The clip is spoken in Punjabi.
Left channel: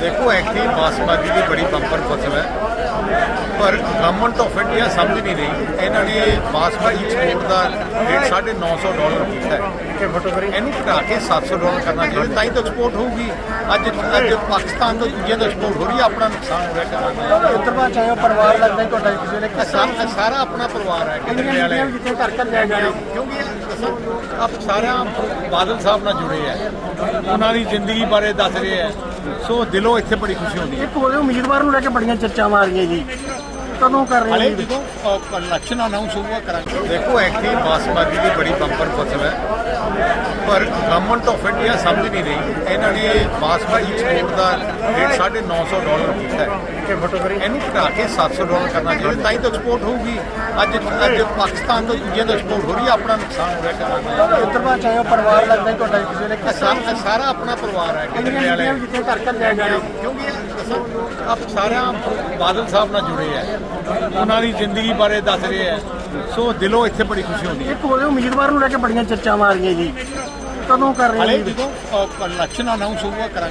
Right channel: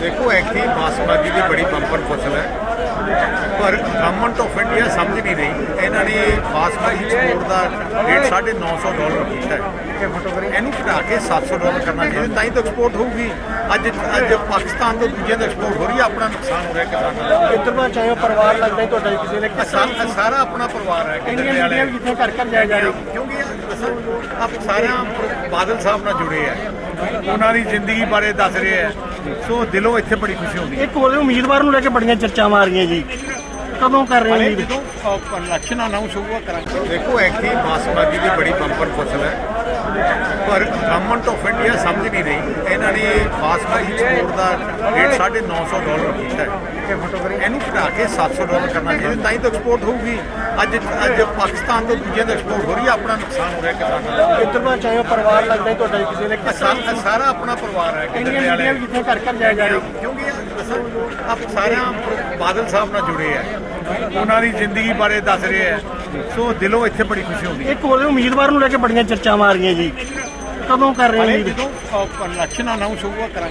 ਦੇਖੋ ਐਕਚੁਅਲੀ ਬਾਸਮਤੀ ਦੀ ਬੜੀ ਬੰਪਰ ਫਸਲ ਹੈ। ਪਰ ਗਵਰਨਮੈਂਟ ਆਫ ਇੰਡੀਆ ਸਮਝ ਨਹੀਂ ਰਹੀ। ਇਹਨਾਂ ਨੇ ਬਾਸਮਤੀ ਐਕਸਪੋਰਟ ਦਾ ਰੇਟ 950 ਡਾਲਰ ਕੀਤਾ ਹੈ। ਇਹਨੂੰ ਘਟਾ ਕੇ 700 ਡਾਲਰ ਕਰਨਾ ਚਾਹੀਦਾ। ਤਾਂ ਹੀ ਤਾਂ ਐਕਸਪੋਰਟ ਹੋਊਗੀ। ਅੱਜ ਅੱਜ ਪਾਕਿਸਤਾਨ ਤੋਂ ਦੂਜਿਆਂ ਦਾ ਐਕਸਪੋਰਟ ਹੋ ਰਹੀ ਹੈ। ਆਪਣਾ ਨੁਕਸਾਨ ਹੋ ਰਿਹਾ ਕਿਸਾਨਾਂ ਦਾ। ਕਿਤਨਾ ਚਾਹੇ ਪਰਿਵਾਰ ਲੱਗਦਾ ਹੈ ਤੁਹਾਡਾ ਕਿਸੇ ਨੇ ਆਹ ਸਾ- ਆਹ ਸਾਰਾ ਆਪਣਾ ਪਰਿਵਾਰ ਹੈ ਕਿੰਨੇ ਵਾਲੇ। ਜਿੱਥੇ ਘਰ ਘਰ ਜਾਇਆ ਜਾ ਕਿਉਂਕਿ ਦੱਸਾਂ ਆਪ ਸਾਰਿਆਂ ਬਾਦਲ ਸਾਹਿਬ ਨਾਲ ਜੁੜੇ ਆ ਉਹਨਾਂ ਦੀ ਜ਼ਿੰਦਗੀ ਬਾਰੇ ਦੱਸ ਰਹੇ ਆ ਸੋ ਦਿਲੋਂ ਇੱਥੇ ਬੜੀ ਖੁਸ਼ੀ ਹੁੰਦੀ ਹੈ। ਇੱਕ ਹੋਰ ਉਮੀਦਵਾਰ ਨੂੰ ਲੈ ਕੇ ਬੜੀਆਂ ਚਰਚਾਵਾਂ ਆ ਰਹੀਆਂ ਜੀ। ਕਦੋਂ ਕਰ ਰਹੇ ਹਲੇ? ਜਦੋਂ ਇਲੈਕਸ਼ਨ ਅਨਾਉਂਸ ਹੋਊਗਾ ਕਰਾਂਗੇ। ਦੇਖੋ ਐਕਚੁਅਲੀ ਬਾਸਮਤੀ ਦੀ ਬੜੀ ਬੰਪਰ ਫਸਲ ਹੈ। ਪਰ ਗਵਰਨਮੈਂਟ ਆਫ ਇੰਡੀਆ ਸਮਝ ਨਹੀਂ ਰਹੀ। ਇਹਨਾਂ ਨੇ ਬਾਸਮਤੀ ਐਕਸਪੋਰਟ ਦਾ ਰੇਟ 950 ਡਾਲਰ ਕੀਤਾ ਹੈ। ਇਹਨੂੰ ਘਟਾ ਕੇ 700 ਡਾਲਰ ਕਰਨਾ ਚਾਹੀਦਾ। ਤਾਂ ਹੀ ਤਾਂ ਐਕਸਪੋਰਟ ਹੋਊਗੀ। ਅੱਜ ਅੱਜ ਪਾਕਿਸਤਾਨ ਤੋਂ ਦੂਜਿਆਂ ਦਾ ਐਕਸਪੋਰਟ ਹੋ ਰਹੀ ਹੈ। ਆਪਣਾ ਨੁਕਸਾਨ ਹੋ ਰਿਹਾ ਕਿਸਾਨਾਂ ਦਾ। ਕਿਤਨਾ ਚਾਹੇ ਪਰਿਵਾਰ ਲੱਗਦਾ ਤੁਹਾਡਾ ਕਿਸੇ ਨੇ ਆਹ ਸਾ- ਆਹ ਸਾਰਾ ਆਪਣਾ ਪਰਿਵਾਰ ਹੈ ਕਿੰਨੇ ਵਾਲੇ। ਜਿੱਥੇ ਘਰ ਘਰ ਜਾਇਆ ਜਾ ਕਿਉਂਕਿ ਦੱਸਾਂ ਆਪ ਸਾਰਿਆਂ ਬਾਦਲ ਸਾਹਿਬ ਨਾਲ ਜੁੜੇ ਆ ਉਹਨਾਂ ਦੀ ਜ਼ਿੰਦਗੀ ਬਾਰੇ ਦੱਸ ਰਹੇ ਆ ਸੋ ਦਿਲੋਂ ਇੱਥੇ ਬੜੀ ਖੁਸ਼ੀ ਹੁੰਦੀ ਹੈ। ਇੱਕ ਹੋਰ ਉਮੀਦਵਾਰ ਨੂੰ ਲੈ ਕੇ ਬੜੀਆਂ ਚਰਚਾਵਾਂ ਆ ਰਹੀਆਂ ਜੀ। ਕਦੋਂ ਕਰ ਰਹੇ ਹਲੇ ਨੇ ਜੀ? ਜਦੋਂ ਇਲੈਕਸ਼ਨ ਅਨਾਉਂਸ ਹੋਊਗਾ ਕਰਾਂਗੇ